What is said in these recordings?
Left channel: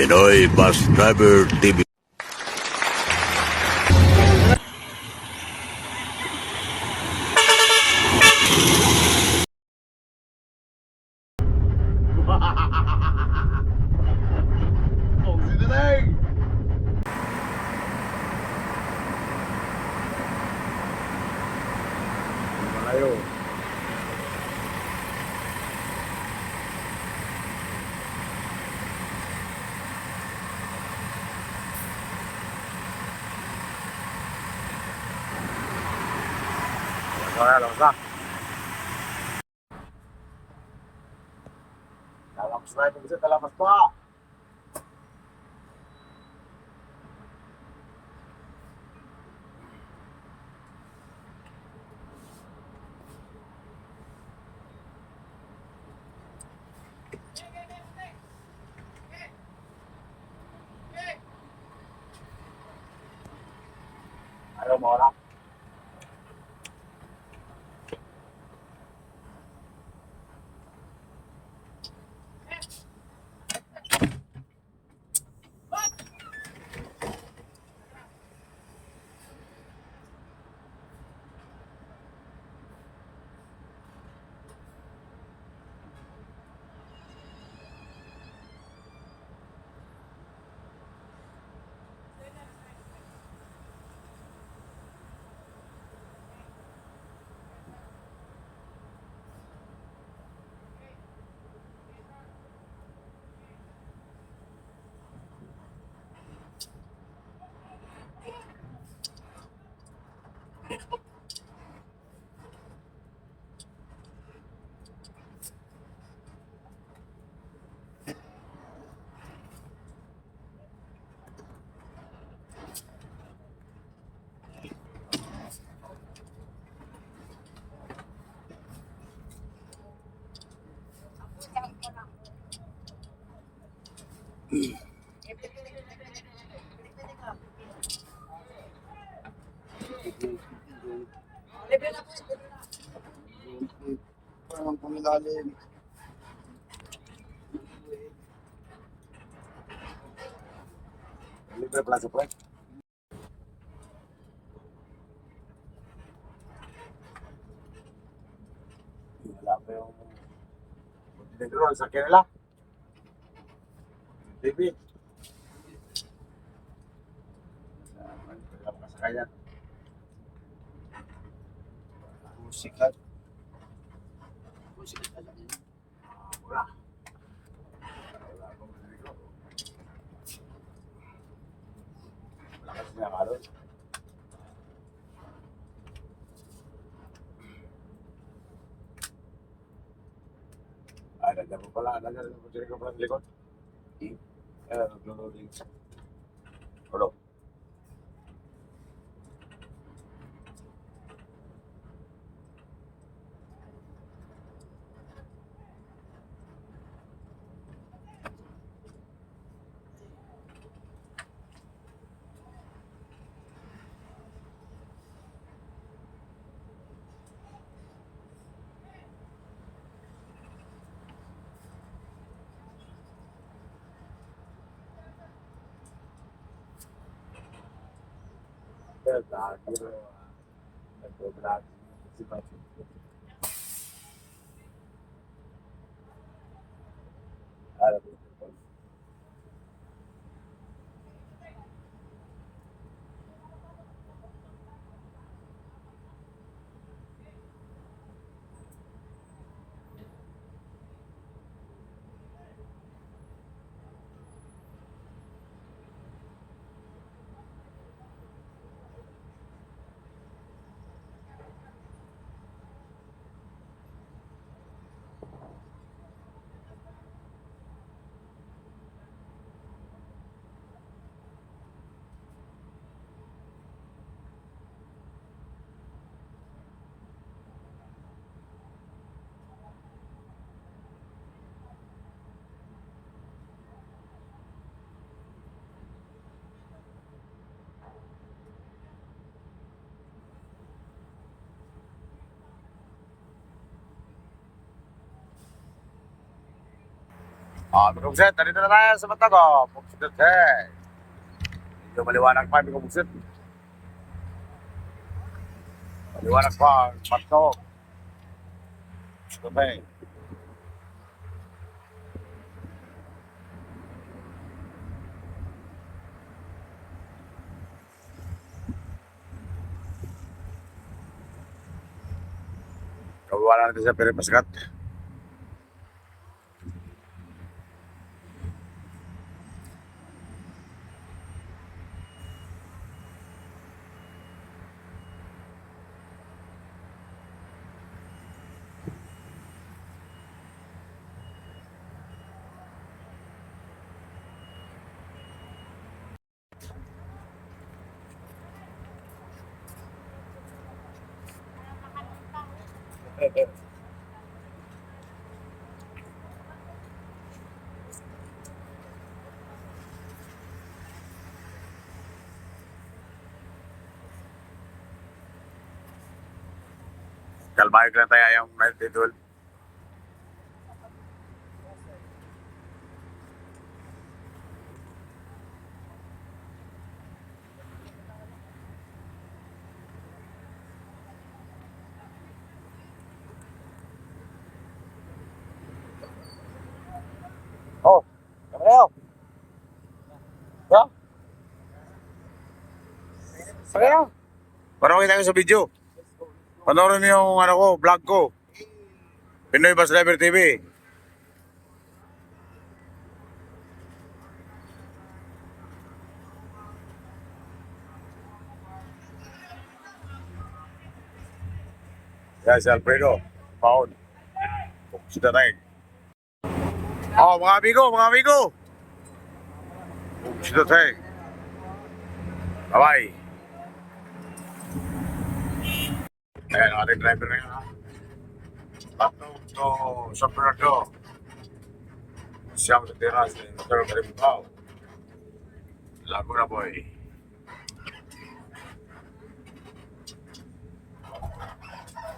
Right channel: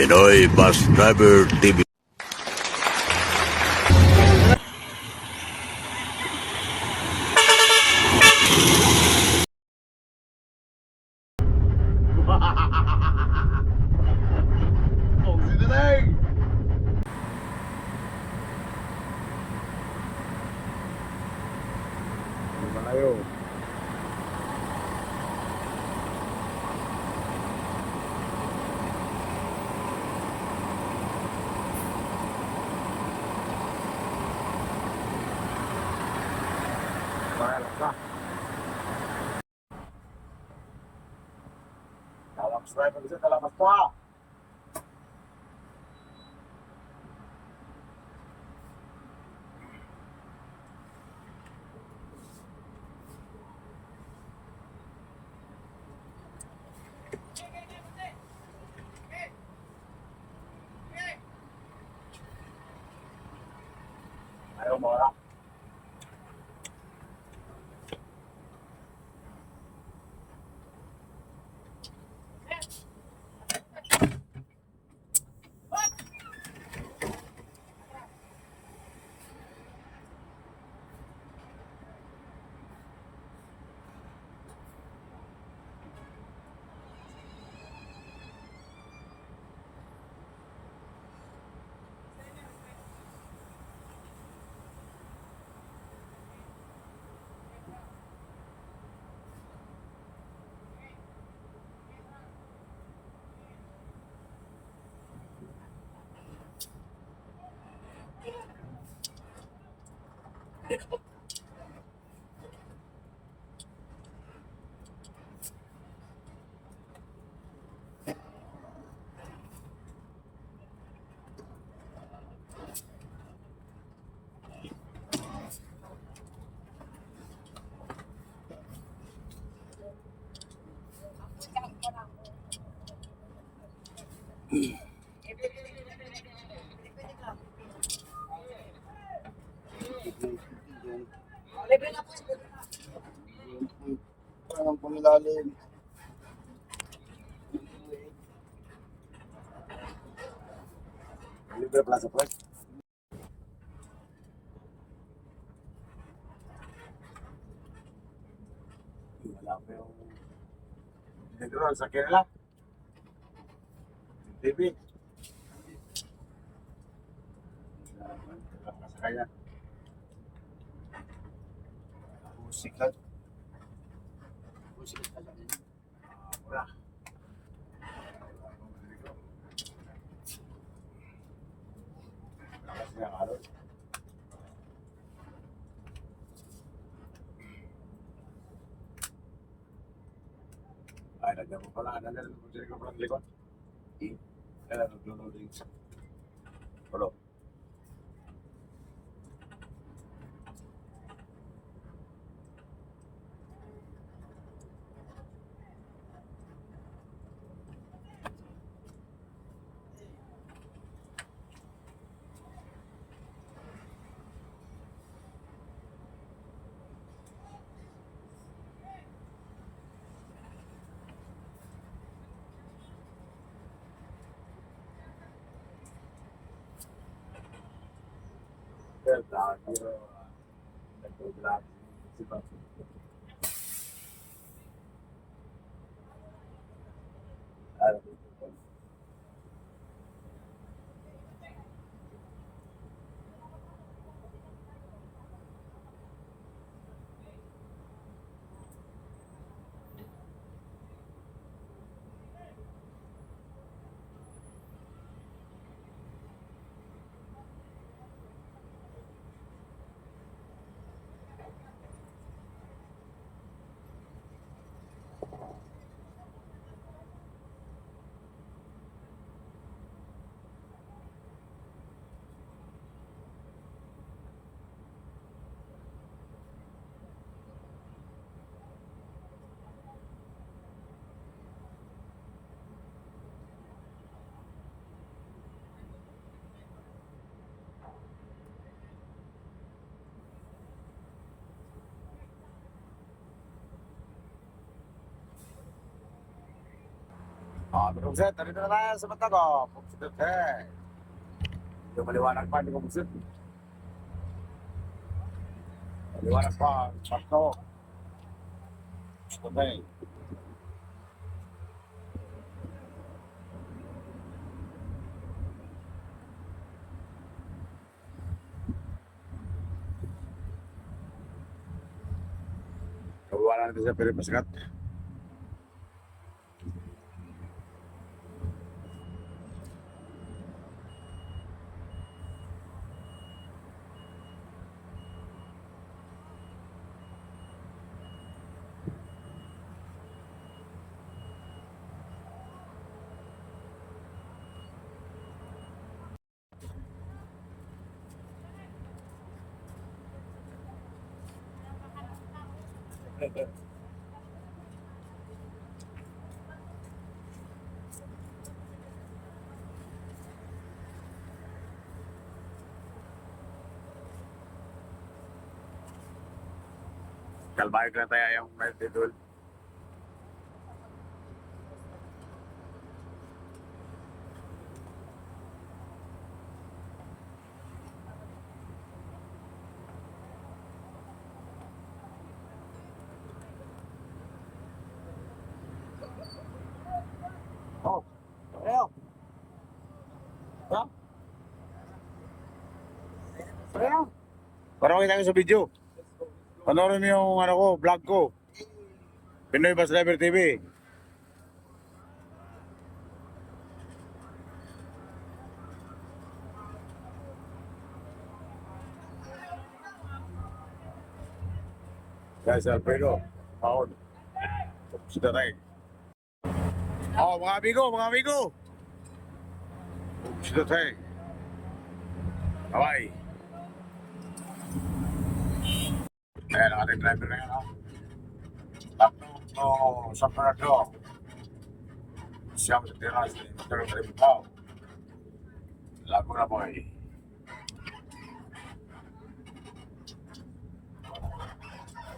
Pinoy Bus Driver TV. Oh, sinaling! Malayo. Alam ka. Dalam sniper bisa dalam apa? Ayaw mo lang. Parang pumilalim. Libre plaza po. Wala pa yung dinidroon sa kanila. TV. Wala pa sa kanya. Musikat. Musikat talaga yun. Wala. Wala akong dinidroon. Wala kasi niya karoon. Ay, nandiyan mo pala. Nandiyan mo sila ko pala ng likod. Nag-loading. Hello. Nag-vlog si Patrick. Alam mo ito. Mga buksit, nandito na tayo sa Matago. Buksit, eh. Medyo maliwanag pa, mga buksit. Maliwanag pa, Matago. Buksit, eh. Kawalan natin sa Pirimaskat. Kalbayog lang tayo yung night idol. Oh, kayo. Ya? Kayo. Parang kita ko sa video. Panoorin niyo yung ano ko, vlog ko. Pinoy Bus Driver TV. Yan si Alfredo. Paon. Sita tayo. Oh, mga amigo, mga amigo. Sita tayo. Bye-bye. Ayan, ang ating driver na yan. Tatlo sa Parado. Siyam sa teras. Pero Karibukaw. Lago na boy.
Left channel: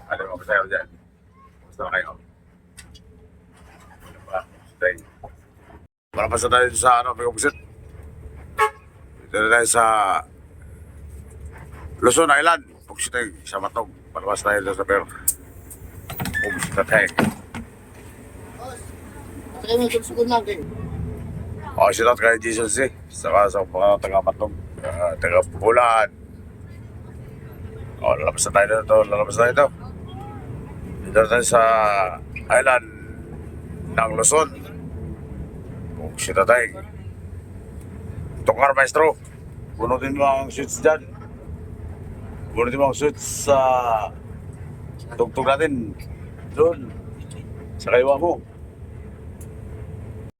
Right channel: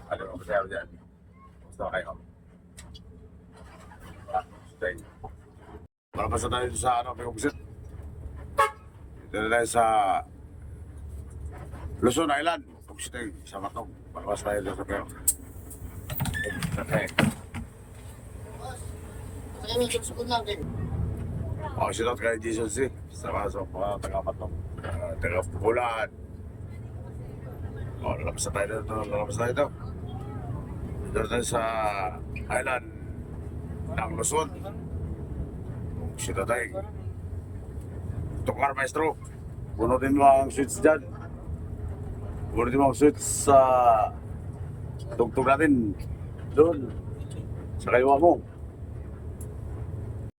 Ano mo masaya dyan? Gusto kayo? Stay. Malapasa tayo sa ano, Pagkabusit. Dito na tayo sa Luzon Island. Pagkabusit tayo sa Matog. Malapasa tayo sa Pero. Pagkabusit na tayo. Oh, shout out kay Jesus eh. Saka sa mga taga-Matog. Taga-Bulan. Oh, lalabas na tayo dito. Lalabas na tayo dito. Dito na tayo sa island ng Luzon. Pagkabusit na tayo. Tukar maestro. Bunutin mo ang switch dyan. Bunutin mo ang switch sa tugtog natin. Doon. Sa kaywa mo.